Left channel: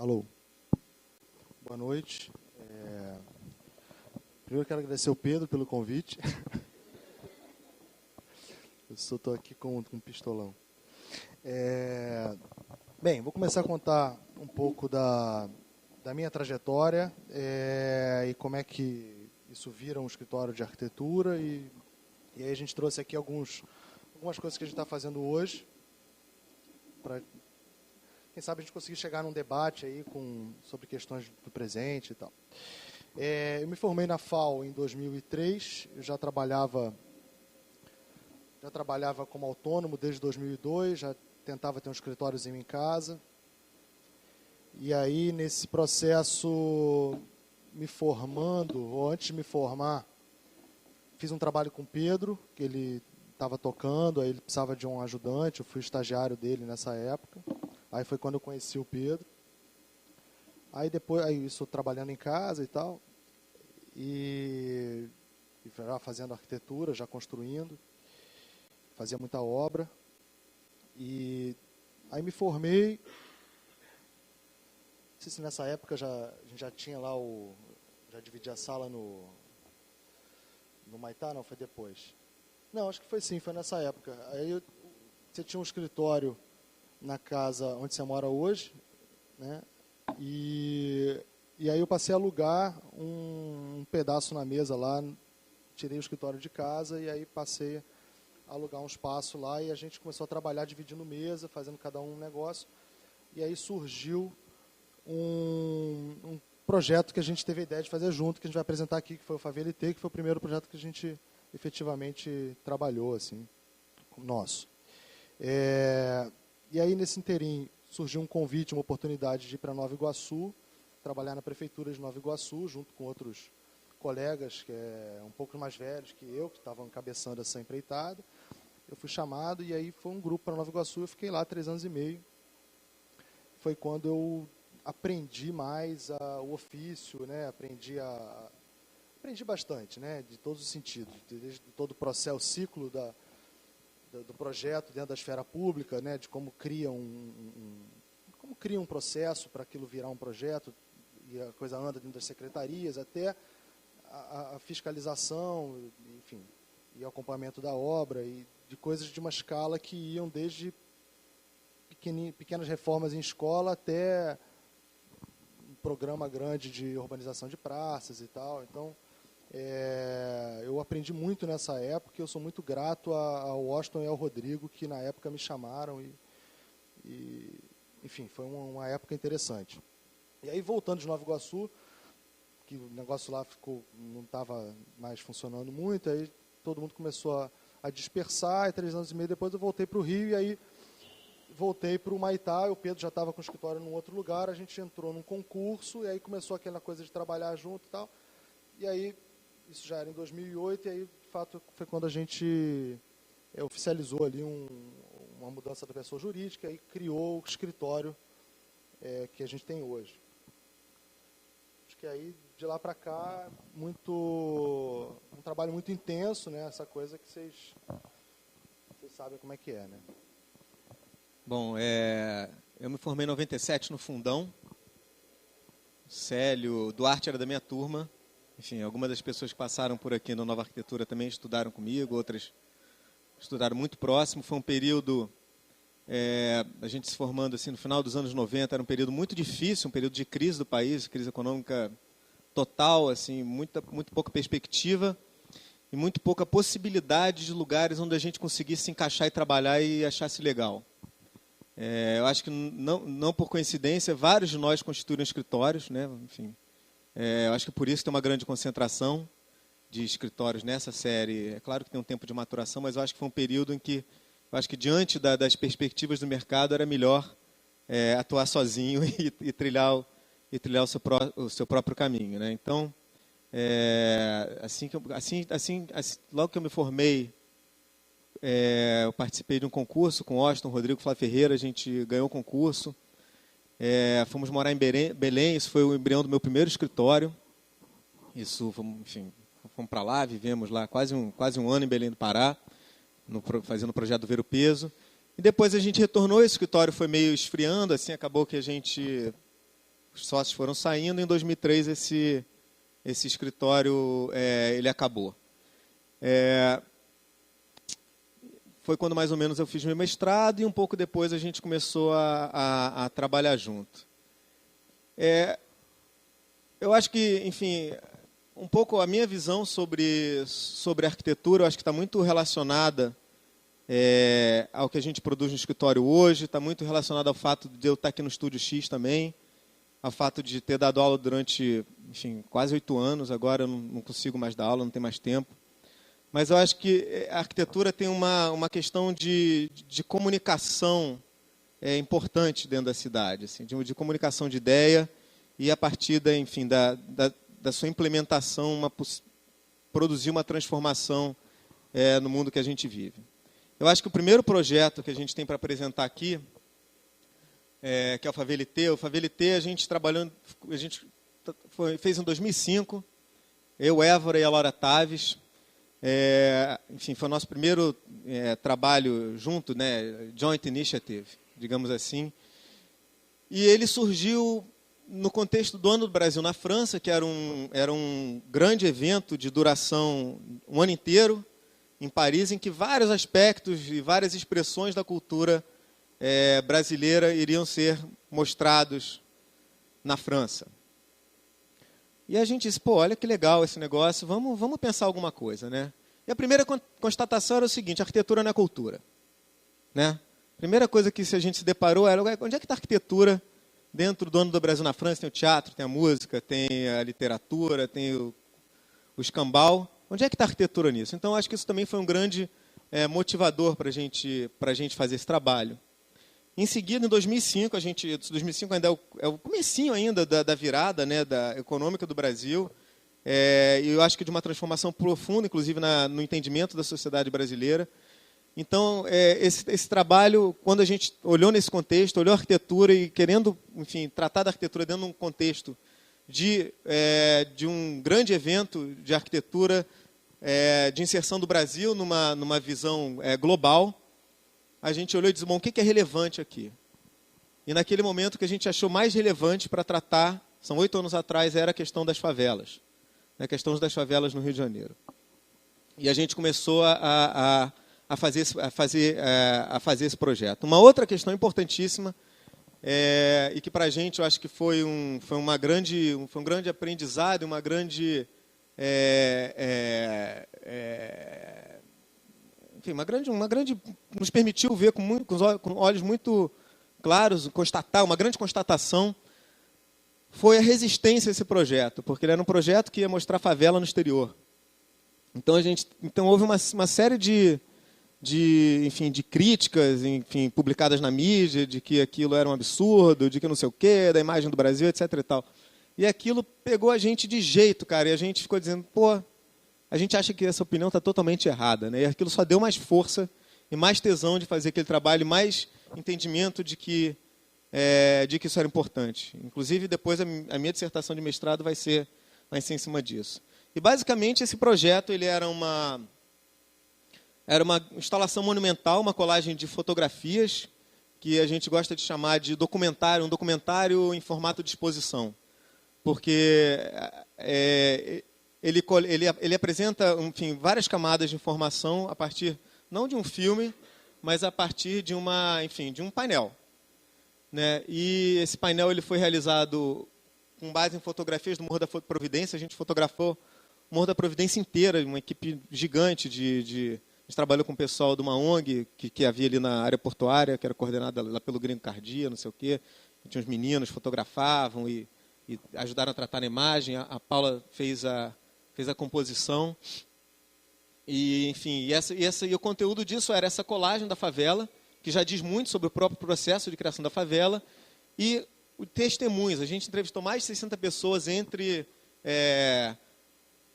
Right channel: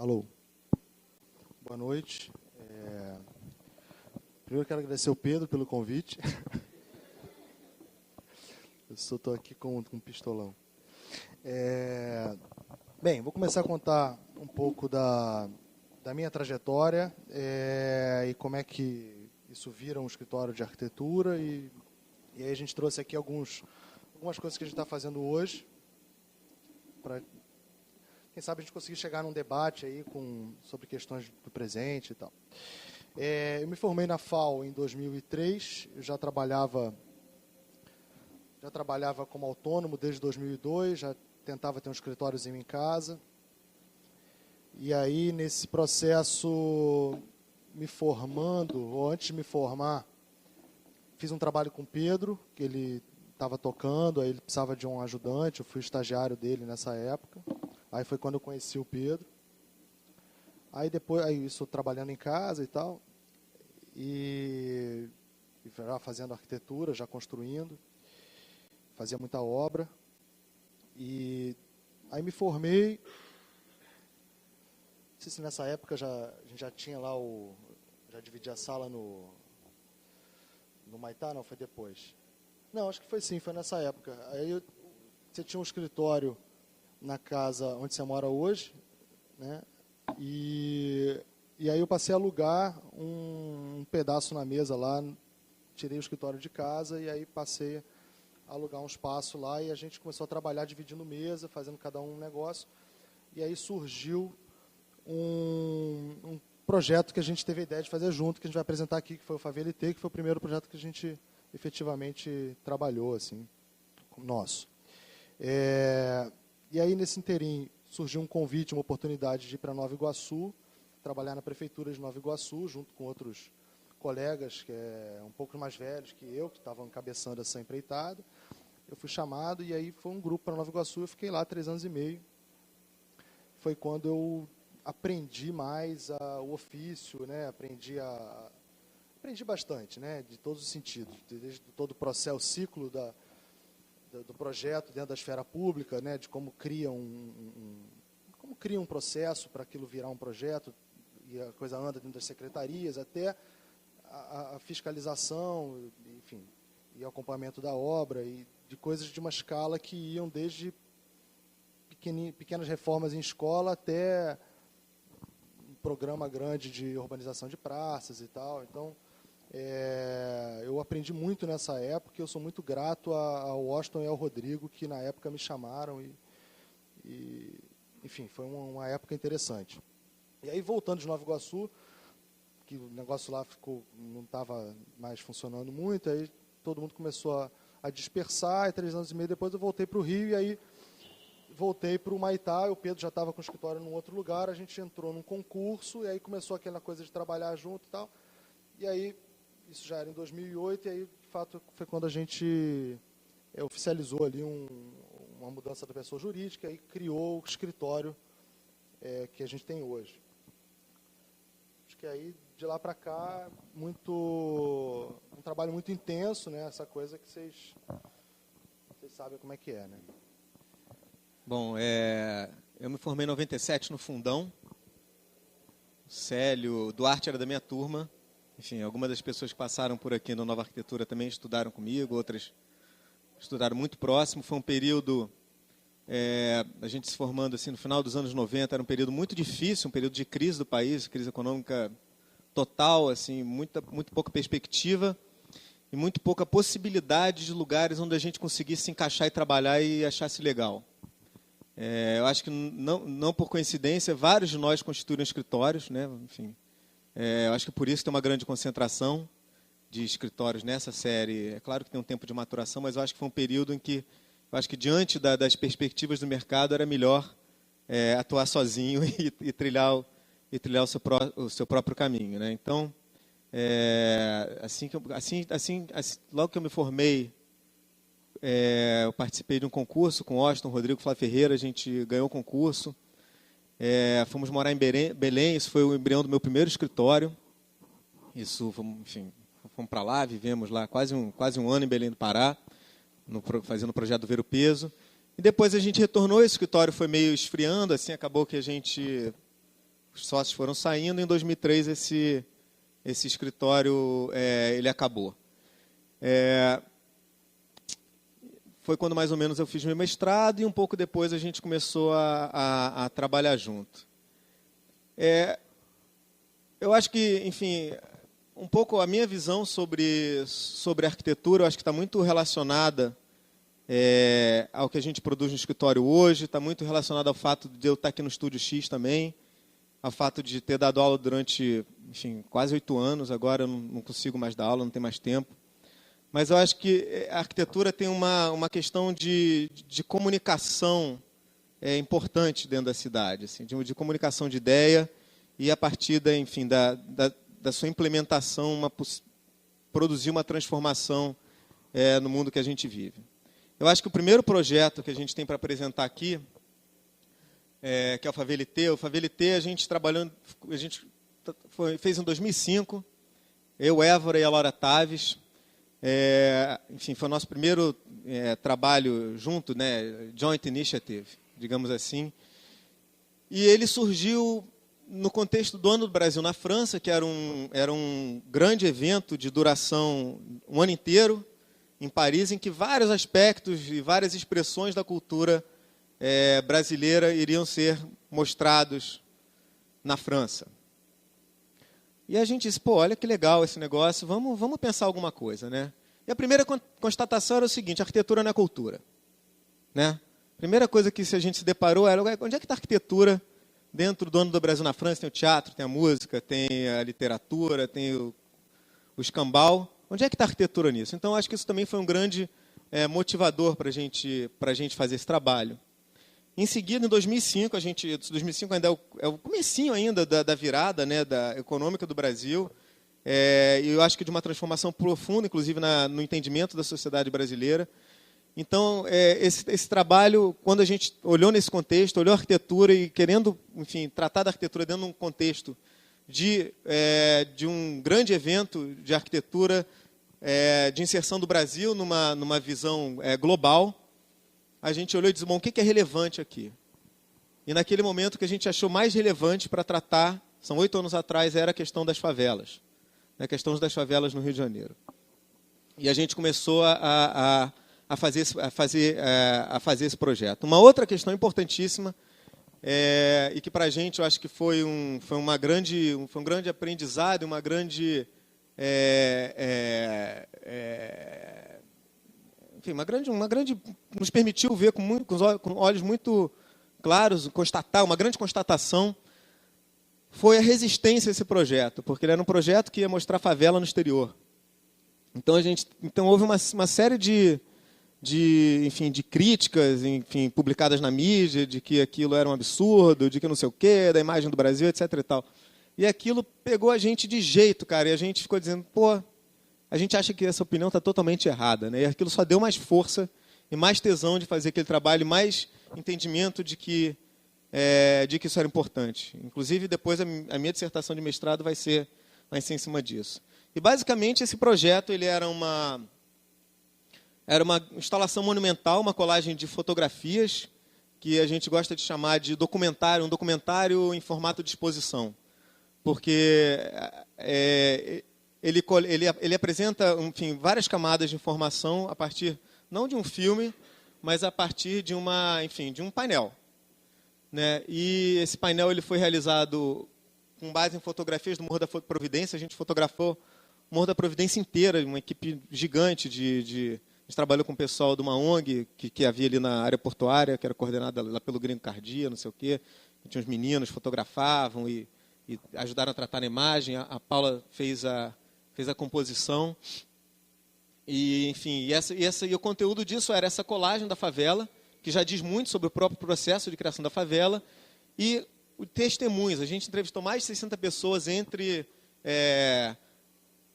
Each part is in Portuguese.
Alô. Boa noite. Primeiro eu quero agradecer ao Pedro pelo convite. Eu só estou aqui com um pistolão. Bem, vou começar a contar um pouco da minha trajetória e como é que isso vira um escritório de arquitetura. E aí a gente trouxe aqui algumas coisas que a gente está fazendo hoje, para, quem sabe, a gente conseguir chegar num debate aí sobre questões do presente e tal. Eu me formei na FAO em 2003, eu já trabalhava como autônomo desde 2002, já tentava ter um escritóriozinho em casa. E aí, nesse processo, me formando, ou antes de me formar, fiz um trabalho com o Pedro, que ele estava tocando, aí ele precisava de um ajudante, eu fui estagiário dele nessa época. Aí foi quando eu conheci o Pedro. Aí depois, isso trabalhando em casa e tal, e já fazendo arquitetura, já construindo, fazia muita obra. E aí me formei. Não sei se nessa época a gente já tinha lá já dividia a sala no Maitá, não, foi depois. Não, acho que foi sim, foi nessa época. Aí você tinha um escritório na casa onde você mora hoje, né? E aí eu passei a alugar um pedaço na mesa lá, tirei o escritório de casa e aí passei a alugar um espaço lá e a gente começou a trabalhar dividindo mesa, fazendo cada um negócio. E aí surgiu um projeto que a gente teve a ideia de fazer junto, que a gente vai apresentar aqui, que foi o FaVLT, que foi o primeiro projeto que a gente efetivamente trabalhou, assim, nosso. E aí, nesse inteirinho, surgiu um convite, uma oportunidade de ir para Nova Iguaçu, trabalhar na prefeitura de Nova Iguaçu, junto com outros colegas que um pouco mais velhos que eu, que estavam encabeçando essa empreitada. Eu fui chamado e aí foi um grupo para Nova Iguaçu, eu fiquei lá 3 anos e meio. Foi quando eu aprendi mais o ofício, né? Aprendi bastante, né? De todos os sentidos, desde todo o processo, o ciclo do projeto dentro da esfera pública, né? De como cria um processo para aquilo virar um projeto e a coisa anda dentro das secretarias, até a fiscalização, enfim, e o acompanhamento da obra, e de coisas de uma escala que iam desde pequenas reformas em escola até um programa grande de urbanização de praças e tal. Então, eu aprendi muito nessa época e eu sou muito grato ao Washington e ao Rodrigo, que na época me chamaram e enfim, foi uma época interessante. E aí, voltando de Nova Iguaçu, que o negócio lá não estava mais funcionando muito, aí todo mundo começou a dispersar, e 3 anos e meio depois eu voltei para o Rio, e aí voltei para o Maitá, o Pedro já estava com o escritório num outro lugar, a gente entrou num concurso, e aí começou aquela coisa de trabalhar junto e tal, e aí, isso já era em 2008, e aí, de fato, foi quando a gente oficializou ali uma mudança da pessoa jurídica e criou o escritório que a gente tem hoje. Acho que aí, de lá para cá, um trabalho muito intenso, né? Essa coisa que vocês sabem como é que é, né? Bom, eu me formei em 97 no Fundão. Célio Duarte era da minha turma. Enfim, algumas das pessoas que passaram por aqui no Nova Arquitetura também estudaram comigo, outras estudaram muito próximo. Foi um período, a gente se formando assim no final dos anos 90, era um período muito difícil, um período de crise do país, crise econômica total, assim, muito pouca perspectiva e muito pouca possibilidade de lugares onde a gente conseguisse se encaixar e trabalhar e achasse legal. Eu acho que não por coincidência, vários de nós constituíram escritórios, né? Enfim, eu acho que por isso tem uma grande concentração de escritórios nessa série. É claro que tem um tempo de maturação, mas eu acho que foi um período em que, eu acho que diante das perspectivas do mercado, era melhor atuar sozinho e trilhar o seu próprio caminho, né? Então, logo que eu me formei, eu participei de um concurso com o Washington, Rodrigo, Flávio Ferreira, a gente ganhou o concurso. Fomos morar em Belém, isso foi o embrião do meu primeiro escritório. Fomos para lá, vivemos lá quase um ano em Belém do Pará, fazendo o projeto do Ver o Peso. E depois a gente retornou, esse escritório foi meio esfriando, assim, acabou que a gente os sócios foram saindo. Em 2003, esse escritório ele acabou. Foi quando mais ou menos eu fiz meu mestrado e um pouco depois a gente começou a trabalhar junto. Eu acho que, enfim, um pouco a minha visão sobre arquitetura, eu acho que está muito relacionada ao que a gente produz no escritório hoje, está muito relacionado ao fato de eu estar aqui no Estúdio X também, ao fato de ter dado aula durante, enfim, quase 8 anos, agora eu não consigo mais dar aula, não tenho mais tempo. Mas eu acho que a arquitetura tem uma questão de comunicação importante dentro da cidade, assim, de comunicação de ideia e a partir enfim, da sua implementação, produzir uma transformação no mundo que a gente vive. Eu acho que o primeiro projeto que a gente tem para apresentar aqui, que é o Favelité. O Favelité a gente fez em 2005, eu, Évora e a Laura Taves. Enfim, foi o nosso primeiro trabalho junto, né, joint initiative, digamos assim. E ele surgiu no contexto do Ano do Brasil na França, que era um grande evento de duração um ano inteiro, em Paris, em que vários aspectos e várias expressões da cultura brasileira iriam ser mostrados na França. E a gente disse, pô, olha que legal esse negócio, vamos pensar alguma coisa, né? E a primeira constatação era o seguinte: a arquitetura não é cultura, né? A primeira coisa que a gente se deparou era, onde é que está a arquitetura dentro do Ano do Brasil na França? Tem o teatro, tem a música, tem a literatura, tem o escambau. Onde é que está a arquitetura nisso? Então, acho que isso também foi um grande motivador para a gente fazer esse trabalho. Em seguida, em 2005, 2005 ainda é o comecinho ainda da virada, né, econômica do Brasil, e eu acho que de uma transformação profunda, inclusive no entendimento da sociedade brasileira. Então, esse trabalho, quando a gente olhou nesse contexto, olhou a arquitetura e querendo, enfim, tratar da arquitetura dentro de um contexto de um grande evento de arquitetura, de inserção do Brasil numa visão global, a gente olhou e disse, bom, o que é relevante aqui? E naquele momento que a gente achou mais relevante para tratar, são 8 anos atrás, era a questão das favelas. A questão das favelas no Rio de Janeiro. E a gente começou a fazer esse projeto. Uma outra questão importantíssima, e que para a gente eu acho que foi um grande aprendizado, uma grande nos permitiu ver com olhos muito claros, uma grande constatação, foi a resistência a esse projeto, porque ele era um projeto que ia mostrar favela no exterior. Então houve uma série de críticas, enfim, publicadas na mídia, de que aquilo era um absurdo, de que não sei o quê, da imagem do Brasil, etc. e tal. E aquilo pegou a gente de jeito, cara, e a gente ficou dizendo, pô, a gente acha que essa opinião está totalmente errada, né? E aquilo só deu mais força e mais tesão de fazer aquele trabalho, mais entendimento de que isso era importante. Inclusive, depois a minha dissertação de mestrado vai ser em cima disso. E, basicamente, esse projeto ele era uma instalação monumental, uma colagem de fotografias, que a gente gosta de chamar de documentário, um documentário em formato de exposição. Porque ele apresenta, enfim, várias camadas de informação a partir, não de um filme, mas a partir de um painel. Né? E esse painel ele foi realizado com base em fotografias do Morro da Providência. A gente fotografou o Morro da Providência inteira, uma equipe gigante a gente trabalhou com o pessoal de uma ONG que havia ali na área portuária, que era coordenada lá pelo Gringo Cardia, não sei o quê. Tinha uns meninos que fotografavam e ajudaram a tratar a imagem. A Paula fez a composição. E, enfim, e o conteúdo disso era essa colagem da favela, que já diz muito sobre o próprio processo de criação da favela, e testemunhos. A gente entrevistou mais de 60 pessoas, entre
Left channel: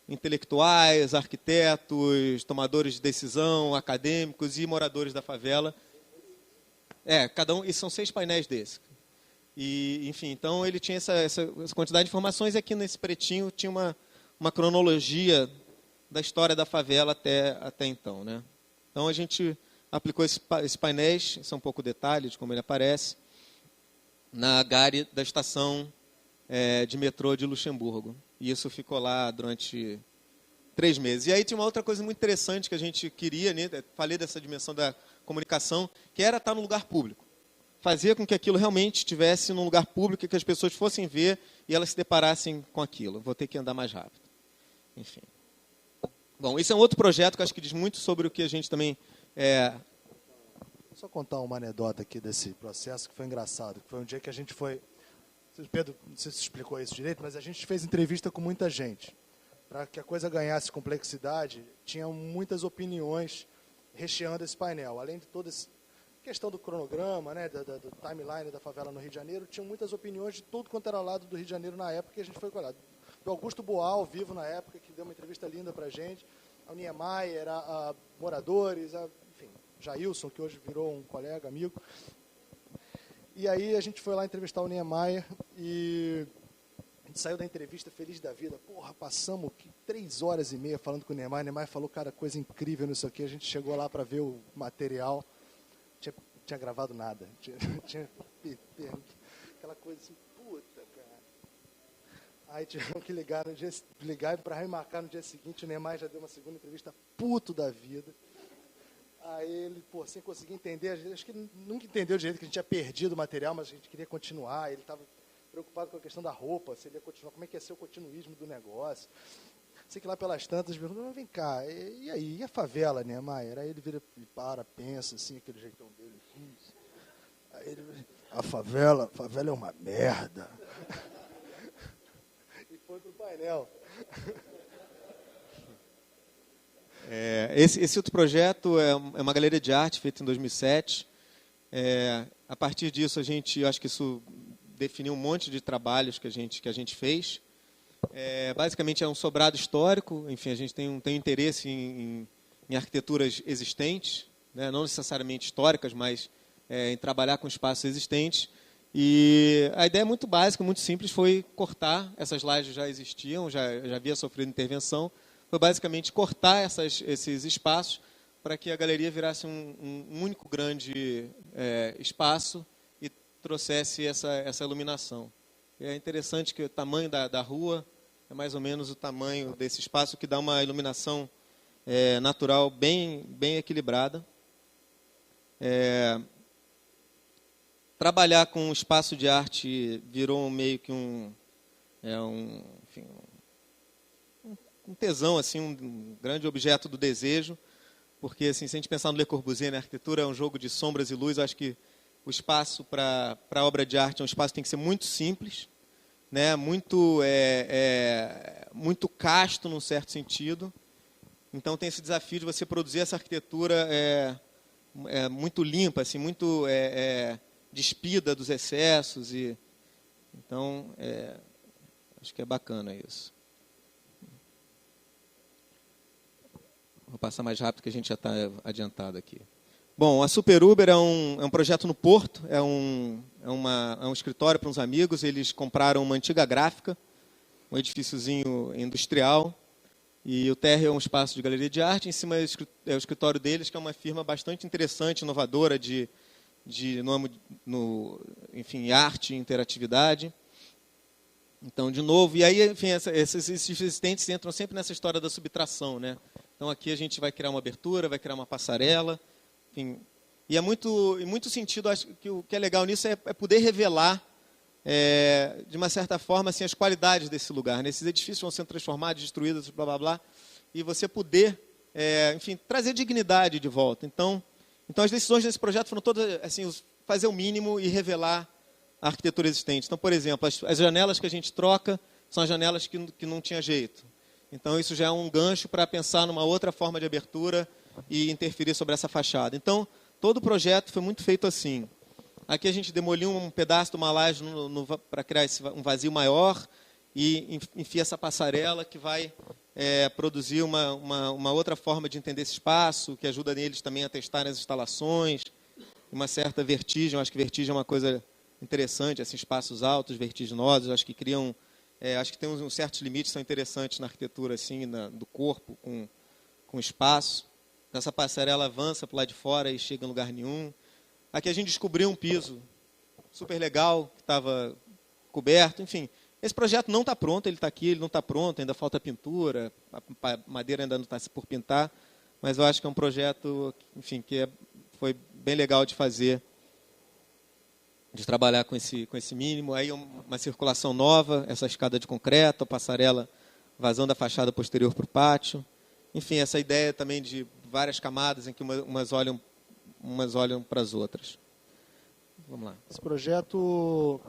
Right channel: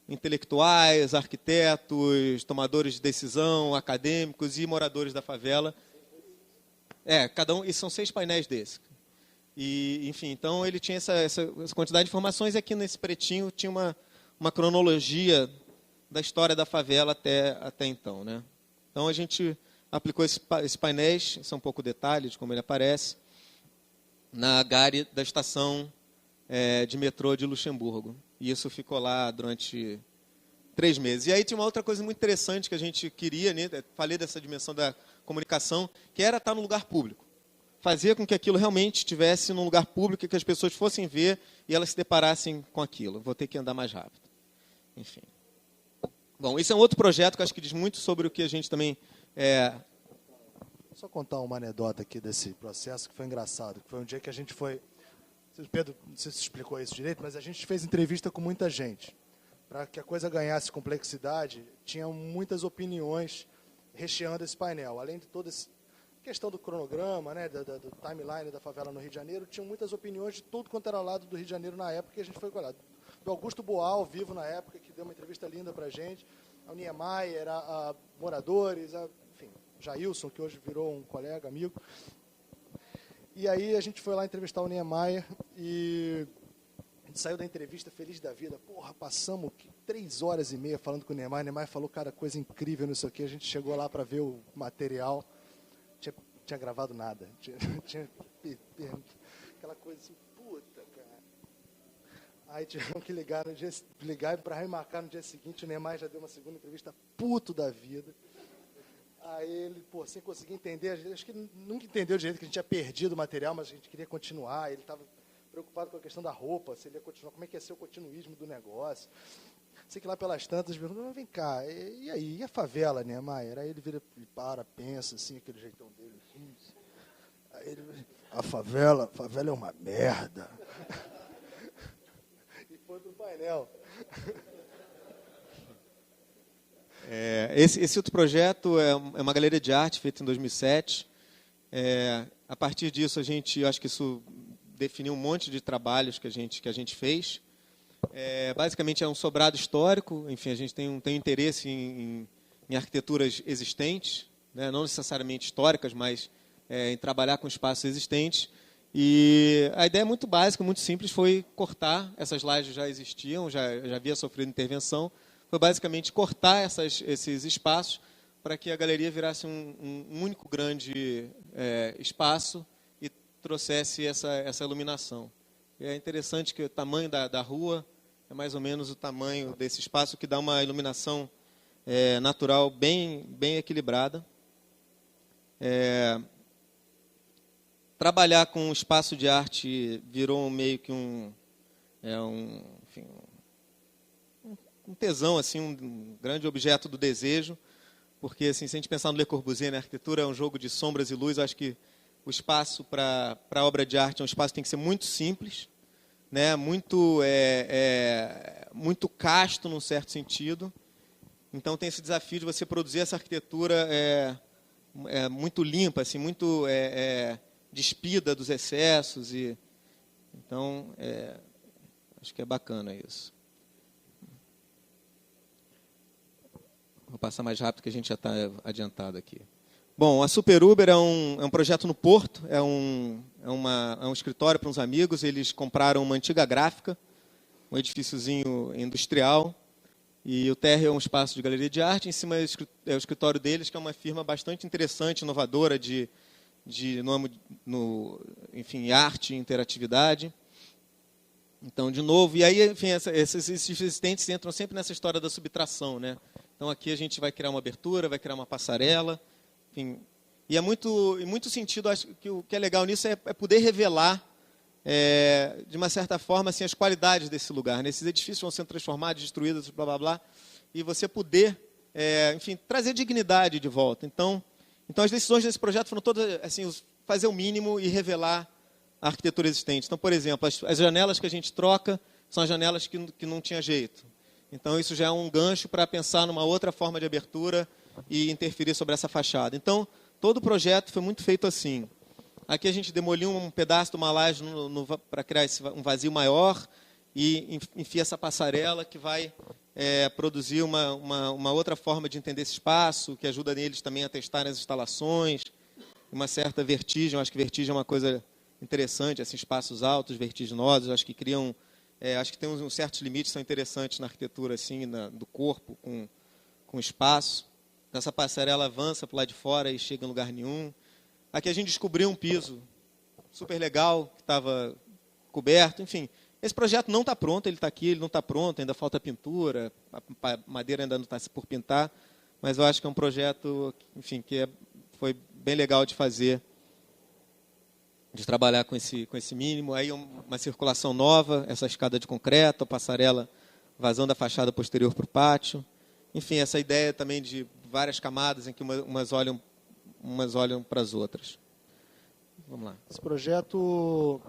intelectuais, arquitetos, tomadores de decisão, acadêmicos e moradores da favela. Cada um, e são 6 painéis desses. E, enfim, então ele tinha essa quantidade de informações, e aqui nesse pretinho tinha uma cronologia da história da favela até então, né? Então a gente aplicou esses painéis, são um pouco detalhes de como ele aparece, na gare da estação de metrô de Luxemburgo. E isso ficou lá durante 3 meses. E aí tinha uma outra coisa muito interessante que a gente queria, né? Falei dessa dimensão da comunicação, que era estar no lugar público. Fazer com que aquilo realmente estivesse num lugar público e que as pessoas fossem ver e elas se deparassem com aquilo. Vou ter que andar mais rápido. Enfim. Bom, esse é um outro projeto que eu acho que diz muito sobre o que a gente também... Só contar uma anedota aqui desse processo que foi engraçado. Que foi um dia que a gente foi... Pedro, não sei se explicou isso direito, mas a gente fez entrevista com muita gente. Para que a coisa ganhasse complexidade, tinham muitas opiniões recheando esse painel. Além de toda essa questão do cronograma, né, do timeline da favela no Rio de Janeiro, tinham muitas opiniões de tudo quanto era lado do Rio de Janeiro na época que a gente foi colhado. Do Augusto Boal, vivo na época, que deu uma entrevista linda para a gente, ao Niemeyer, a moradores, enfim, Jailson, que hoje virou um colega, amigo. E aí a gente foi lá entrevistar o Niemeyer e a gente saiu da entrevista feliz da vida. Porra, passamos 3 horas e meia falando com o Niemeyer. O Niemeyer falou, cara, coisa incrível nisso aqui. A gente chegou lá para ver o material. Tinha gravado nada. Tinha aquela coisa assim, puta, cara. Aí tivemos que ligar para remarcar no dia seguinte. O Niemeyer já deu uma segunda entrevista, puto da vida. Aí ele, sem conseguir entender, acho que nunca entendeu direito que a gente tinha perdido o material, mas a gente queria continuar. Ele estava preocupado com a questão da roupa, se ele ia continuar, como é que ia ser o continuismo do negócio. Sei que lá pelas tantas, perguntou, mas vem cá, e aí, e a favela, né, Maier? Aí ele vira, pensa assim, aquele jeitão dele. Aí ele, a favela é uma merda. E foi pro painel. Esse outro projeto é uma galeria de arte feita em 2007. A partir disso, eu acho que isso definiu um monte de trabalhos que a gente fez. Basicamente é um sobrado histórico. Enfim, a gente tem um interesse em arquiteturas existentes, né? Não necessariamente históricas, mas em trabalhar com espaços existentes. E a ideia muito básica, muito simples, foi cortar. Essas lajes já existiam, já havia sofrido intervenção. Foi basicamente cortar esses espaços para que a galeria virasse um único grande espaço e trouxesse essa iluminação. E é interessante que o tamanho da rua é mais ou menos o tamanho desse espaço, que dá uma iluminação natural bem equilibrada. Trabalhar com espaço de arte virou meio que um tesão, assim, um grande objeto do desejo, porque assim, se a gente pensar no Le Corbusier, a arquitetura é um jogo de sombras e luz. Eu acho que o espaço para a obra de arte é um espaço que tem que ser muito simples, né? Muito casto, num certo sentido. Então tem esse desafio de você produzir essa arquitetura muito limpa, assim, muito despida dos excessos. Então, acho que é bacana isso. Vou passar mais rápido que a gente já está adiantado aqui. Bom, a Super Uber é um projeto no Porto, é um escritório para uns amigos. Eles compraram uma antiga gráfica, um edifíciozinho industrial, e o térreo é um espaço de galeria de arte. Em cima é o escritório deles, que é uma firma bastante interessante, inovadora enfim, arte e interatividade. Então, de novo, e aí, enfim, esses existentes entram sempre nessa história da subtração, né? Então, aqui a gente vai criar uma abertura, vai criar uma passarela, enfim. E em muito sentido, acho que o que é legal nisso é poder revelar, de uma certa forma, assim, as qualidades desse lugar, né? Esses edifícios vão sendo transformados, destruídos, blá, blá, blá, e você poder, enfim, trazer dignidade de volta. Então, as decisões desse projeto foram todas, assim, fazer o mínimo e revelar a arquitetura existente. Então, por exemplo, as janelas que a gente troca são as janelas que não tinha jeito. Então, isso já é um gancho para pensar numa outra forma de abertura e interferir sobre essa fachada. Então, todo o projeto foi muito feito assim. Aqui a gente demoliu um pedaço de uma laje para criar um vazio maior e enfia essa passarela que vai produzir uma outra forma de entender esse espaço, que ajuda eles também a testarem as instalações, uma certa vertigem. Eu acho que vertigem é uma coisa interessante, assim, espaços altos, vertiginosos, acho que criam... acho que tem uns certos limites que são interessantes na arquitetura, assim, do corpo, com espaço. Essa passarela avança para o lado de fora e chega em lugar nenhum. Aqui a gente descobriu um piso super legal, que estava coberto. Enfim, Esse projeto não está pronto, ele está aqui, ele não está pronto, ainda falta pintura, a madeira ainda não está por pintar, mas eu acho que é um projeto, enfim, foi bem legal de fazer, de trabalhar com esse mínimo. Aí uma circulação nova, essa escada de concreto, a passarela vazando a fachada posterior para o pátio. Enfim, essa ideia também de várias camadas em que umas olham para as outras. Vamos lá. Esse projeto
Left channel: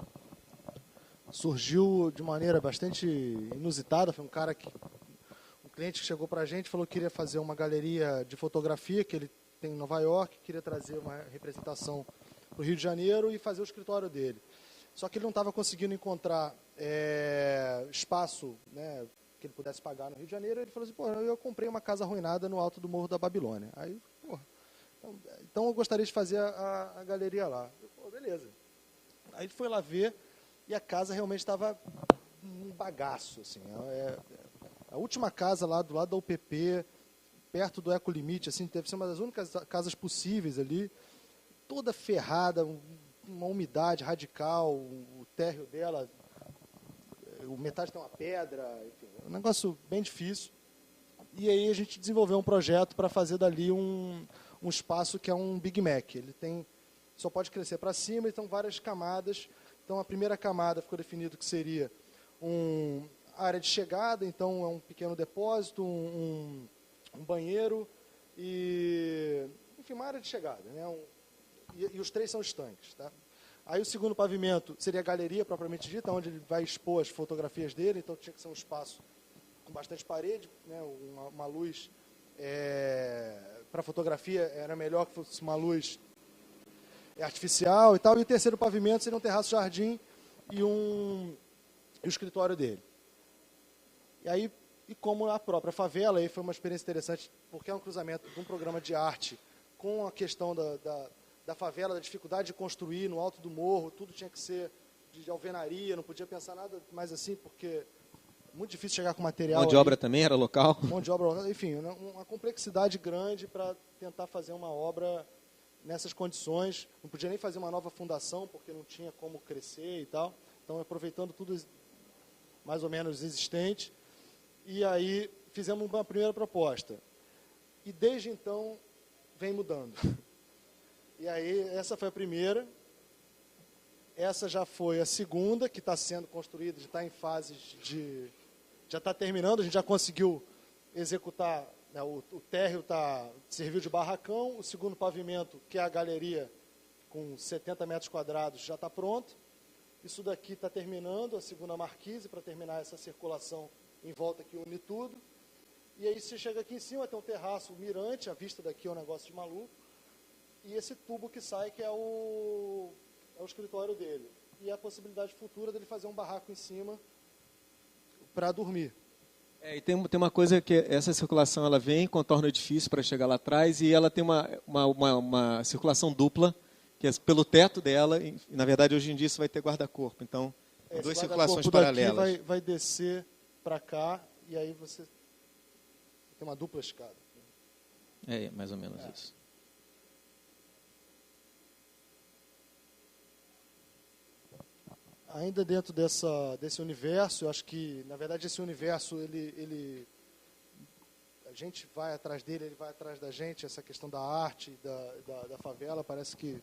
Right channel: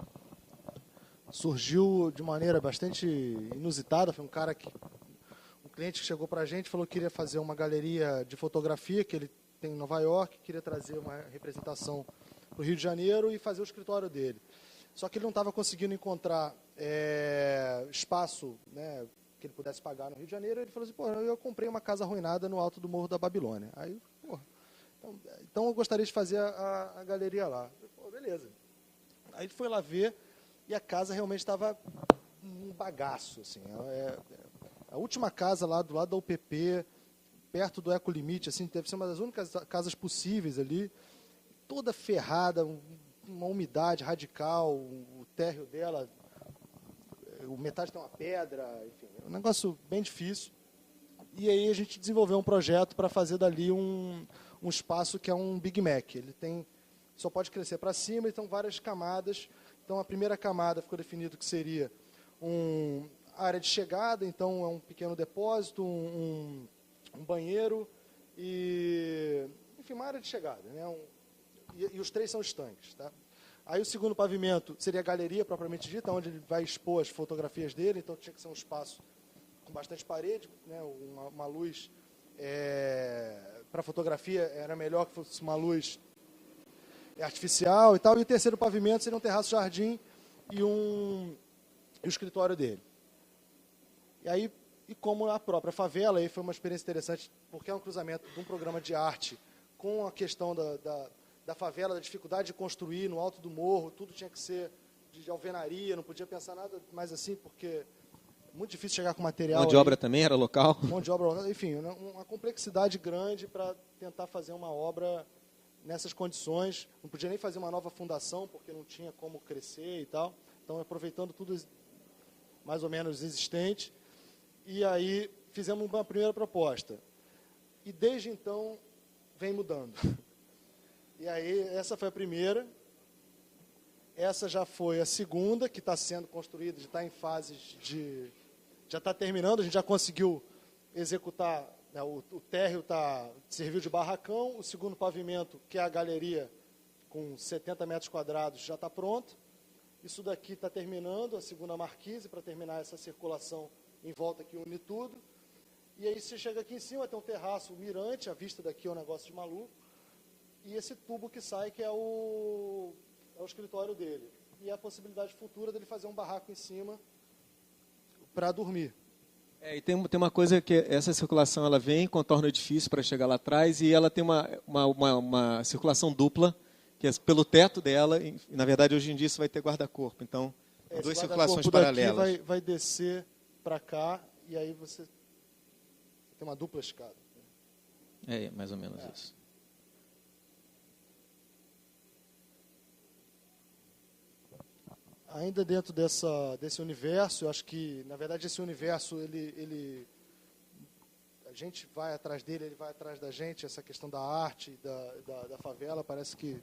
surgiu de maneira bastante inusitada. Foi um cliente que chegou para a gente, falou que queria fazer uma galeria de fotografia que ele tem em Nova York, queria trazer uma representação para o Rio de Janeiro e fazer o escritório dele. Só que ele não estava conseguindo encontrar espaço, né, que ele pudesse pagar no Rio de Janeiro. Ele falou assim, eu comprei uma casa arruinada no alto do Morro da Babilônia. Aí, então eu gostaria de fazer a galeria lá. Beleza. Aí ele foi lá ver e a casa realmente estava um bagaço. Assim. A última casa lá do lado da UPP, perto do Ecolimite, assim, deve ser uma das únicas casas possíveis ali, toda ferrada, uma umidade radical, o térreo dela, metade tem uma pedra, enfim, um negócio bem difícil. E aí a gente desenvolveu um projeto para fazer dali um espaço que é um Big Mac. Ele só pode crescer para cima, então várias camadas. Então a primeira camada ficou definido que seria uma área de chegada, então é um pequeno depósito, um banheiro e, enfim, uma área de chegada, né? E os 3 são estanques, tá? Aí o segundo pavimento seria a galeria propriamente dita, onde ele vai expor as fotografias dele, então tinha que ser um espaço com bastante parede, né? Uma luz para fotografia era melhor que fosse uma luz artificial e tal. E o terceiro pavimento seria um terraço-jardim e o escritório dele. E como a própria favela, aí foi uma experiência interessante, porque é um cruzamento de um programa de arte com a questão da favela, da dificuldade de construir no alto do morro, tudo tinha que ser de alvenaria, não podia pensar nada mais assim, porque é muito difícil chegar com material. Mão de obra também era local? Mão de obra, enfim, uma complexidade grande para tentar fazer uma obra nessas condições. Não podia nem fazer uma nova fundação, porque não tinha como crescer e tal. Então, aproveitando tudo mais ou menos existente. E aí, fizemos uma primeira proposta. E, desde então, vem mudando. E aí, essa foi a primeira. Essa já foi a segunda, que está sendo construída, já está em fases de... Já está terminando, a gente já conseguiu executar, né, o térreo serviu de barracão, o segundo pavimento, que é a galeria, com 70 metros quadrados, já está pronto. Isso daqui está terminando, a segunda marquise, para terminar essa circulação em volta que une tudo. E aí você chega aqui em cima, tem um terraço mirante, a vista daqui é um negócio de maluco. E esse tubo que sai, que é o escritório dele. E a possibilidade futura dele fazer um barraco em cima para dormir. E tem uma coisa que essa circulação ela vem, contorna o edifício para chegar lá atrás, e ela tem uma circulação dupla, que é pelo teto dela, e na verdade hoje em dia isso vai ter guarda-corpo. Então, duas circulações paralelas. Daqui vai descer para cá, e aí você tem uma dupla escada. Mais ou menos isso. Ainda dentro desse universo, eu acho que, na verdade, esse universo, a gente vai atrás dele, ele vai atrás da gente, essa questão da arte, da favela, parece que...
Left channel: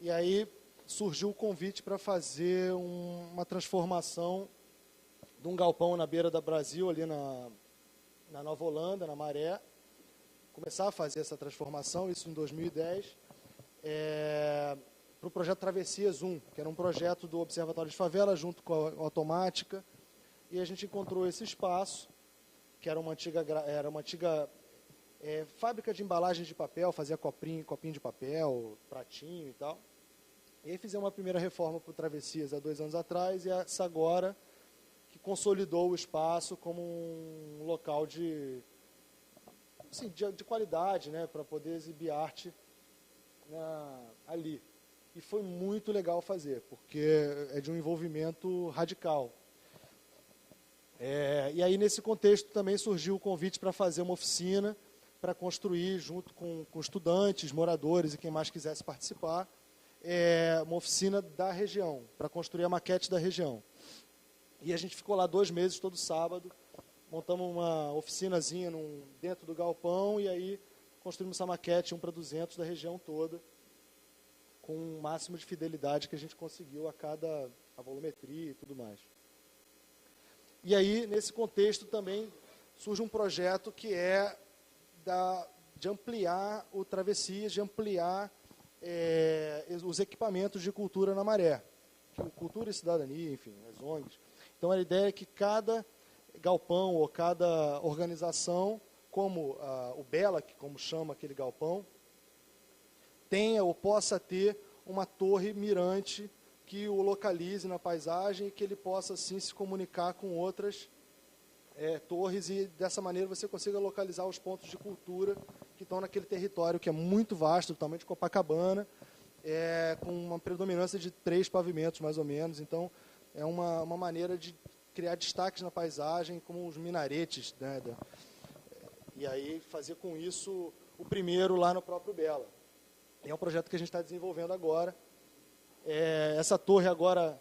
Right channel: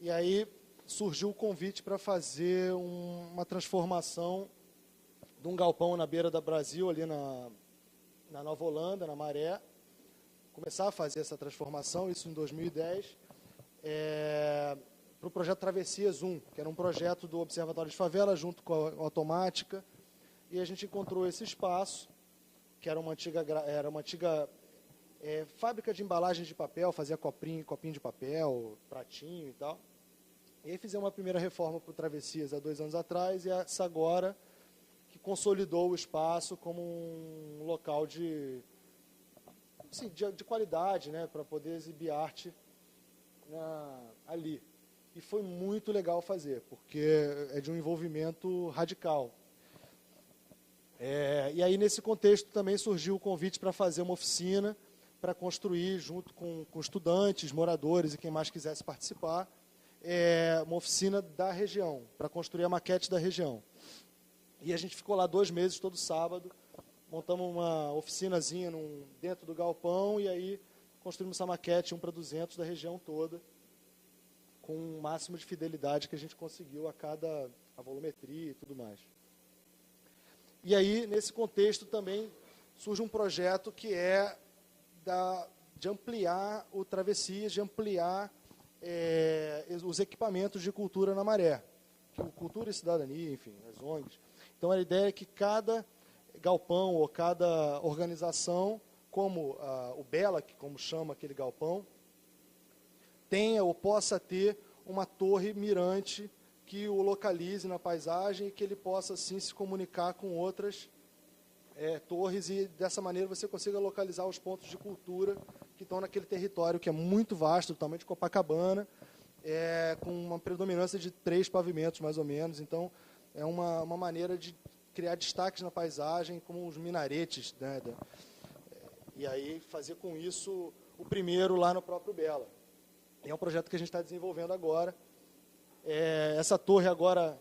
E aí surgiu o convite para fazer uma transformação de um galpão na beira da Brasil, ali na Nova Holanda, na Maré. Começar a fazer essa transformação, isso em 2010. Para o projeto Travessias 1, que era um projeto do Observatório de Favela, junto com a Automática, e a gente encontrou esse espaço, que era uma antiga fábrica de embalagem de papel, fazia copinho de papel, pratinho e tal. E aí fizemos uma primeira reforma para o Travessias há 2 anos atrás, e essa agora que consolidou o espaço como um local de qualidade, né, para poder exibir arte ali. E foi muito legal fazer, porque é de um envolvimento radical. E aí, nesse contexto, também surgiu o convite para fazer uma oficina para construir, junto com estudantes, moradores e quem mais quisesse participar, uma oficina da região, para construir a maquete da região. E a gente ficou lá 2 meses, todo sábado, montamos uma oficinazinha dentro do galpão e aí construímos essa maquete 1:200 da região toda, com o máximo de fidelidade que a gente conseguiu a volumetria e tudo mais. E aí, nesse contexto também, surge um projeto que é de ampliar o Travessias, de ampliar os equipamentos de cultura na Maré. Cultura e cidadania, enfim, as ONGs. Então, a ideia é que cada galpão ou cada organização, como o BELAC, como chama aquele galpão, tenha ou possa ter uma torre mirante que o localize na paisagem e que ele possa, assim, se comunicar com outras torres e, dessa maneira, você consiga localizar os pontos de cultura que estão naquele território que é muito vasto, do tamanho de Copacabana, com uma predominância de 3 pavimentos, mais ou menos. Então, é uma maneira de criar destaques na paisagem, como os minaretes, né? E aí fazer com isso o primeiro lá no próprio Bela. É um projeto que a gente está desenvolvendo agora. Essa torre agora,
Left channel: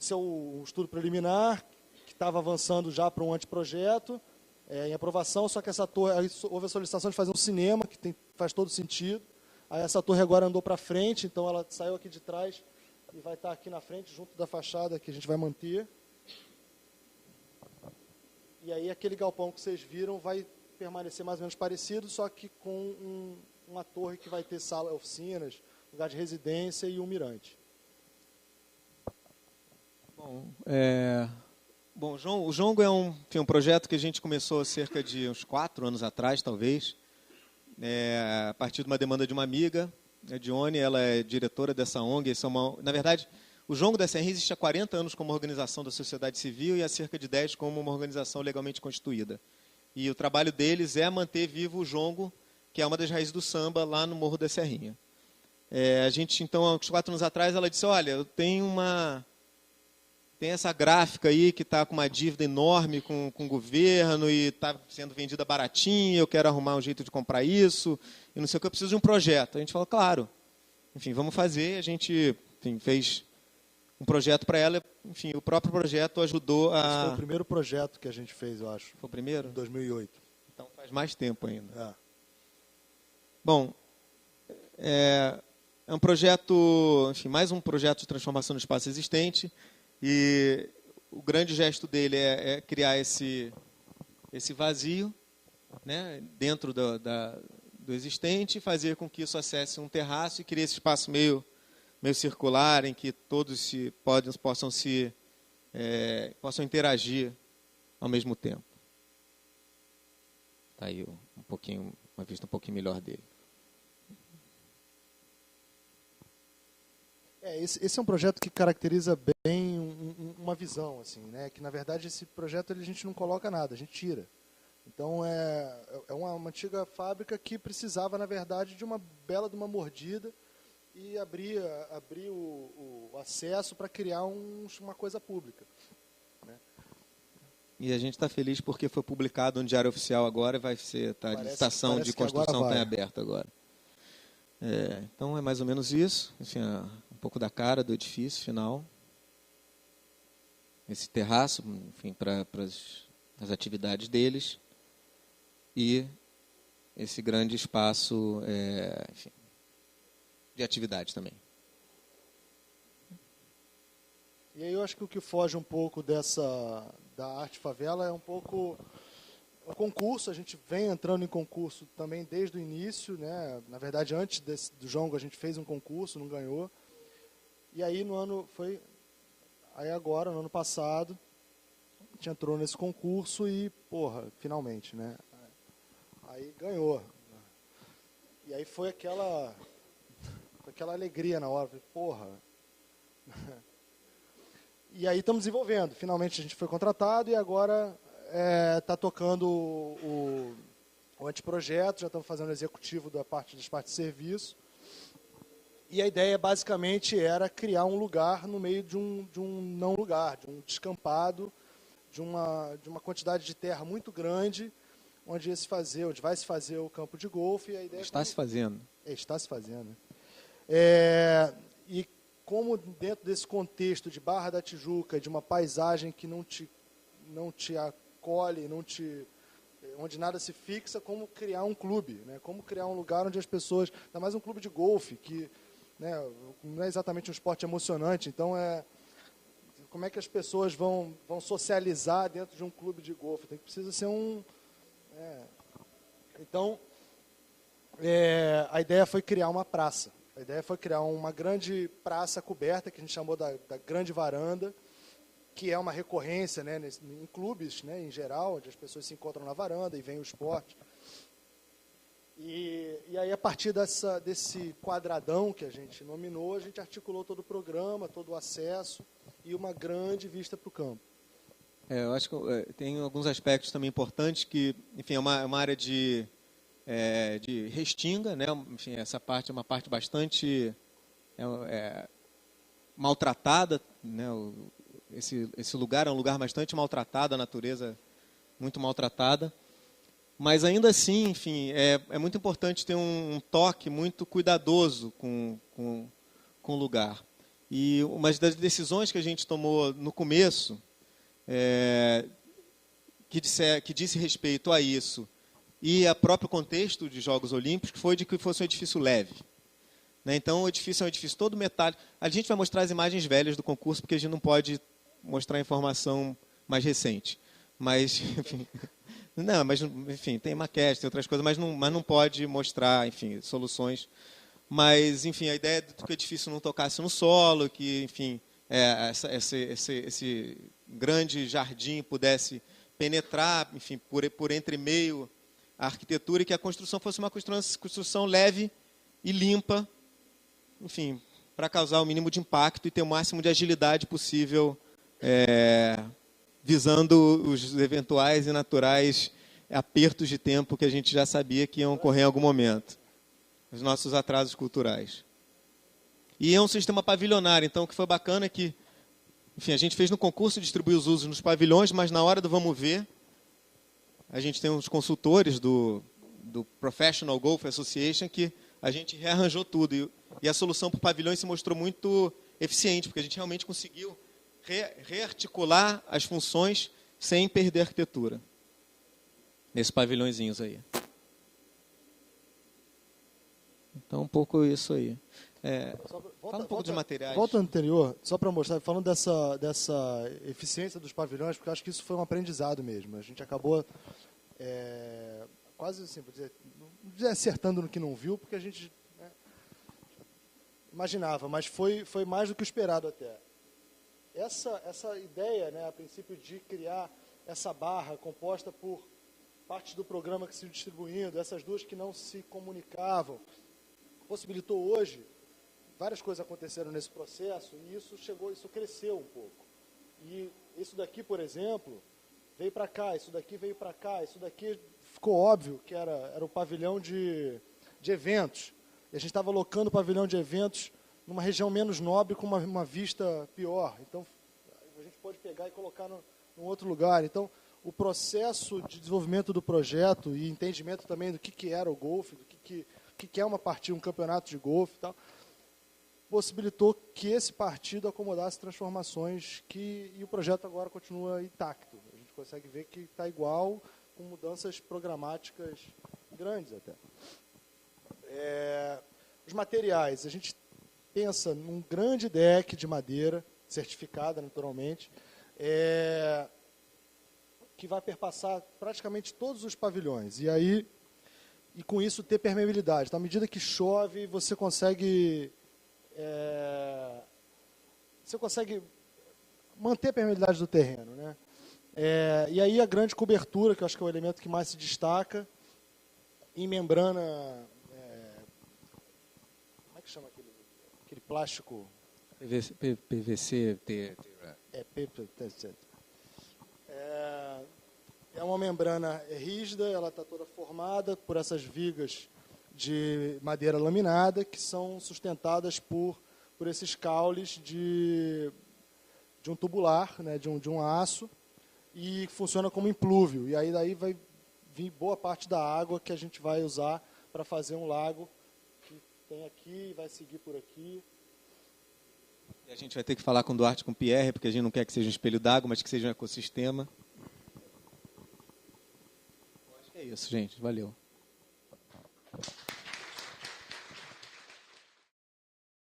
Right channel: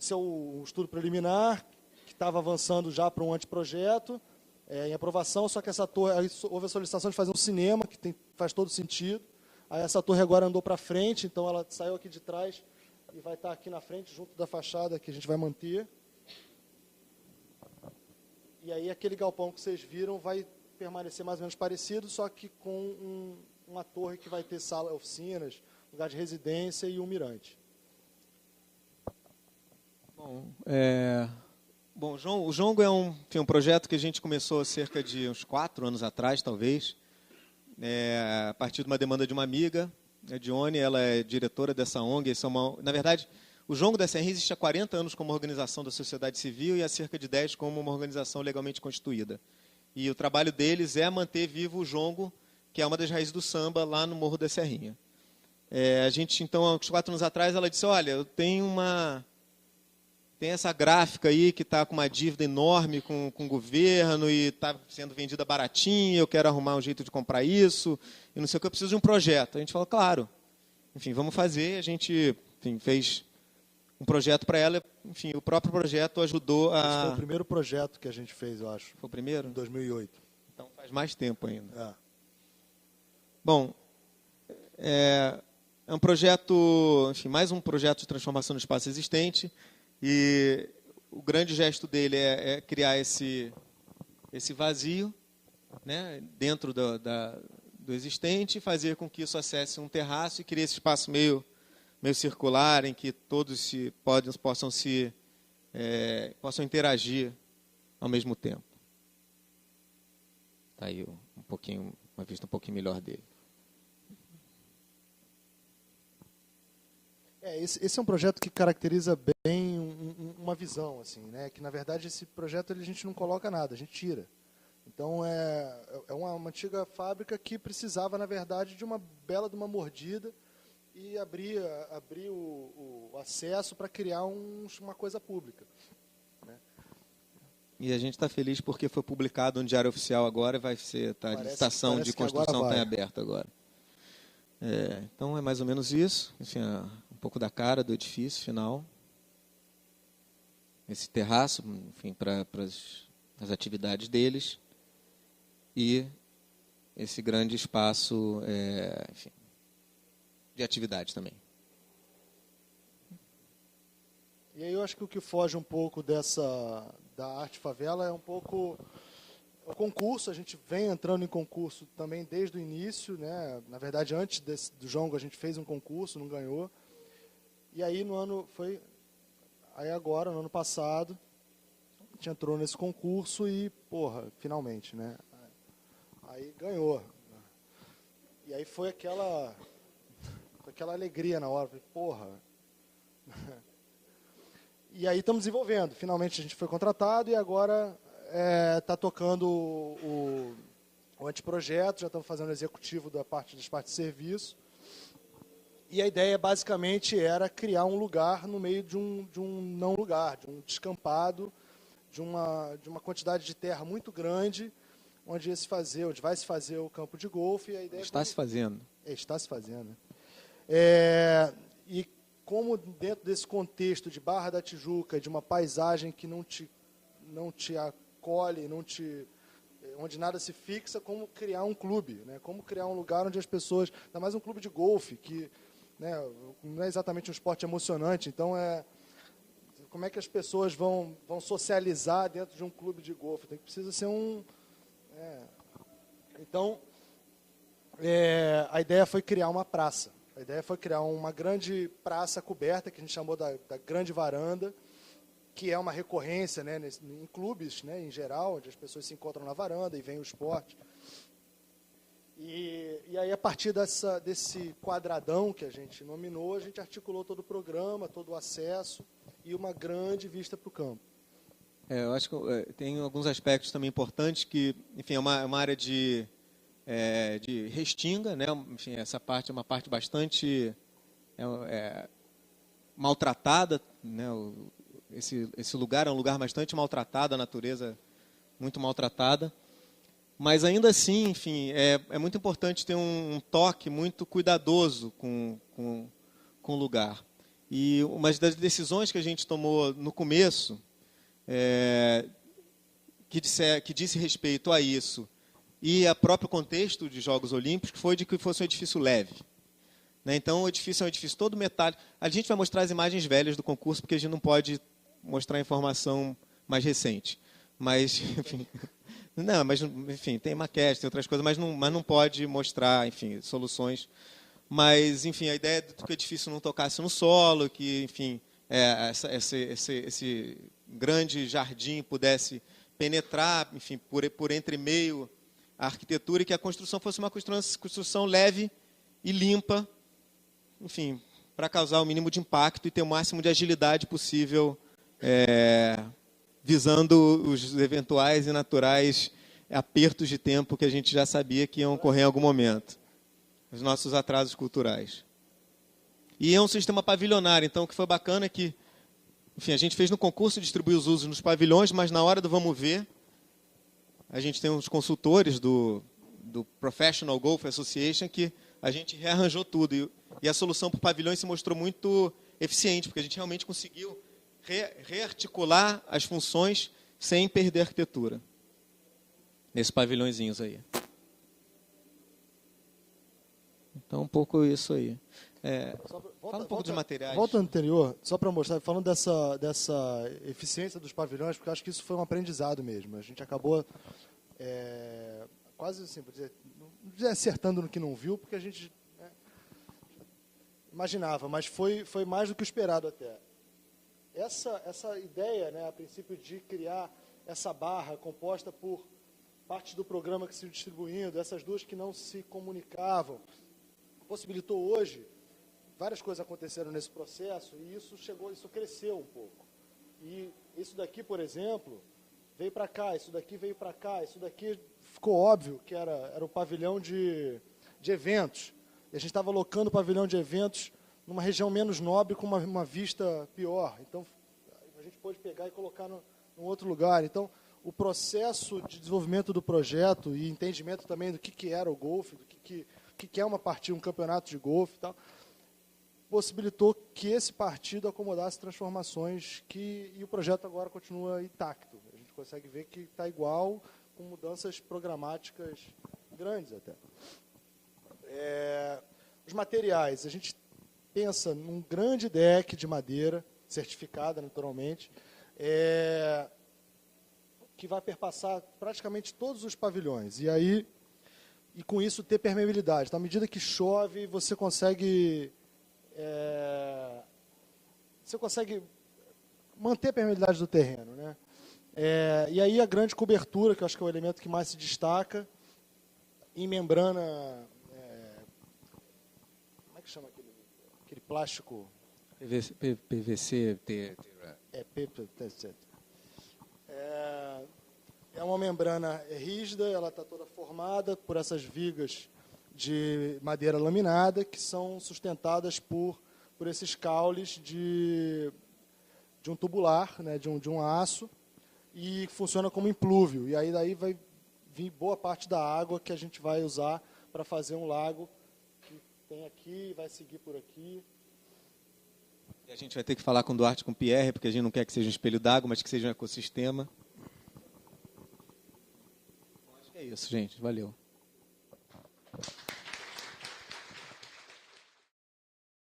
esse é o estudo preliminar, que estava avançando já para um anteprojeto, em aprovação, só que essa torre, houve a solicitação de fazer um cinema, que faz todo sentido. Aí essa torre agora andou para frente, então ela saiu aqui de trás e vai estar aqui na frente, junto da fachada, que a gente vai manter. E aí aquele galpão que vocês viram vai permanecer mais ou menos parecido, só que com uma torre que vai ter sala, oficinas, lugar de residência e um mirante. Bom, o Jongo é um projeto que a gente começou há cerca de uns 4 anos atrás, talvez, a partir de uma demanda de uma amiga, a Dione, ela é diretora dessa ONG. Na verdade, o Jongo da Serrinha existe há 40 anos como organização da sociedade civil e há cerca de 10 como uma organização legalmente constituída. E o trabalho deles é manter vivo o jongo, que é uma das raízes do samba, lá no Morro da Serrinha. A gente, então, há uns 4 anos atrás, ela disse, olha, eu tenho essa gráfica aí que está com uma dívida enorme com o governo e está sendo vendida baratinho, eu quero arrumar um jeito de comprar isso, e não sei o que, eu preciso de um projeto. A gente falou, claro, enfim, vamos fazer. A gente fez um projeto para ela, enfim, o próprio projeto ajudou a... Esse foi o primeiro projeto que a gente fez, eu acho. Foi o primeiro? Em 2008. Então faz mais tempo ainda. É. Bom, é um projeto, enfim, mais um projeto de transformação do espaço existente, e o grande gesto dele é criar esse vazio, né, dentro do existente, fazer com que isso acesse um terraço e criar esse espaço meio circular, em que todos possam interagir ao mesmo tempo. Está aí uma vista um pouquinho melhor dele. Esse é um projeto que caracteriza bem uma visão, assim, né? Que, na verdade, esse projeto a gente não coloca nada, a gente tira. Então, é uma antiga fábrica que precisava, na verdade, de uma uma mordida e abrir o acesso para criar uma coisa pública. Né? E a gente está feliz porque foi publicado no Diário Oficial agora e vai ser, a licitação de construção está em aberto agora. Então, é mais ou menos isso. Enfim, um pouco da cara do edifício final. Esse terraço, enfim, para as atividades deles. E esse grande espaço, enfim, de atividades também. E aí eu acho que o que foge um pouco da arte favela é um pouco o concurso. A gente vem entrando em concurso também desde o início, né? Na verdade, antes do Jongo a gente fez um concurso, não ganhou. E aí no ano passado, a gente entrou nesse concurso e, finalmente, né? Aí ganhou. E aí foi aquela alegria na hora, E aí estamos desenvolvendo. Finalmente a gente foi contratado e agora está tocando o anteprojeto, já estamos fazendo o executivo das partes de serviço. E a ideia basicamente era criar um lugar no meio de um não lugar, de um descampado, de uma quantidade de terra muito grande, onde vai se fazer o campo de golfe. E a ideia está se fazendo. Está se fazendo. Né? E como dentro desse contexto de Barra da Tijuca, de uma paisagem que não te acolhe, onde nada se fixa, como criar um clube, né? Como criar um lugar onde as pessoas, ainda mais um clube de golfe, que, né, não é exatamente um esporte emocionante, então como é que as pessoas vão socializar dentro de um clube de golfe? Precisa ser Então, a ideia foi criar uma praça. A ideia foi criar uma grande praça coberta, que a gente chamou da Grande Varanda, que é uma recorrência, né, em clubes, né, em geral, onde as pessoas se encontram na varanda e vem o esporte. E aí, a partir desse quadradão que a gente nominou, a gente articulou todo o programa, todo o acesso e uma grande vista para o campo. Eu acho que tem alguns aspectos também importantes que, enfim, é uma área de restinga, né? Enfim, essa parte é uma parte bastante maltratada, né? Esse lugar é um lugar bastante maltratado, a natureza muito maltratada, mas ainda assim, enfim, é muito importante ter um toque muito cuidadoso com o lugar. E uma das decisões que a gente tomou no começo, que disse respeito a isso, e a próprio contexto de Jogos Olímpicos, foi de que fosse um edifício leve. Né? Então, o edifício é um edifício todo metálico. A gente vai mostrar as imagens velhas do concurso, porque a gente não pode mostrar informação mais recente. Mas, enfim, tem maquete, tem outras coisas, mas não pode mostrar, enfim, soluções. Mas, enfim, a ideia de que o edifício não tocasse no solo, que, enfim, esse grande jardim pudesse penetrar, enfim, por entre meio a arquitetura, e que a construção fosse uma construção leve e limpa, enfim, para causar o mínimo de impacto e ter o máximo de agilidade possível, visando os eventuais e naturais apertos de tempo que a gente já sabia que iam ocorrer em algum momento, os nossos atrasos culturais. E é um sistema pavilionário, então o que foi bacana é que, enfim, a gente fez no concurso distribuir os usos nos pavilhões, mas na hora do vamos ver, a gente tem uns consultores do Professional Golf Association que a gente rearranjou tudo. E a solução para o pavilhão se mostrou muito eficiente, porque a gente realmente conseguiu rearticular as funções sem perder a arquitetura. Nesses pavilhõezinhos aí. Então, um pouco isso aí. Fala um pouco de materiais. Volta anterior, só para mostrar, falando dessa eficiência dos pavilhões, porque eu acho que isso foi um aprendizado mesmo. A gente acabou quase assim, não dizer acertando no que não viu, porque a gente imaginava, mas foi mais do que o esperado até. Essa ideia, né, a princípio, de criar essa barra composta por partes do programa que se distribuindo, essas duas que não se comunicavam, possibilitou hoje, várias coisas aconteceram nesse processo, e isso cresceu um pouco. E isso daqui, por exemplo, veio para cá, isso daqui veio para cá, isso daqui ficou óbvio que era o pavilhão de eventos. E a gente estava alocando o pavilhão de eventos numa região menos nobre, com uma vista pior. Então, a gente pode pegar e colocar num outro lugar. Então, o processo de desenvolvimento do projeto e entendimento também do que era o golfe, do que é uma partida, um campeonato de golfe e tal, possibilitou que esse partido acomodasse transformações e o projeto agora continua intacto. A gente consegue ver que está igual, com mudanças programáticas grandes até. Os materiais, a gente pensa num grande deck de madeira, certificada naturalmente, que vai perpassar praticamente todos os pavilhões. E com isso ter permeabilidade. Então, à medida que chove, você consegue manter a permeabilidade do terreno, né? E aí a grande cobertura, que eu acho que é o elemento que mais se destaca, em membrana, como é que chama aquele plástico? PVC, PVC. É uma membrana rígida, ela está toda formada por essas vigas de madeira laminada, que são sustentadas por esses caules de um tubular, né, de um aço, e funciona como implúvio. E aí daí vai vir boa parte da água que a gente vai usar para fazer um lago que tem aqui, vai seguir por aqui. E a gente vai ter que falar com o Duarte e com o Pierre, porque a gente não quer que seja um espelho d'água, mas que seja um ecossistema. Acho que é isso, gente. Valeu.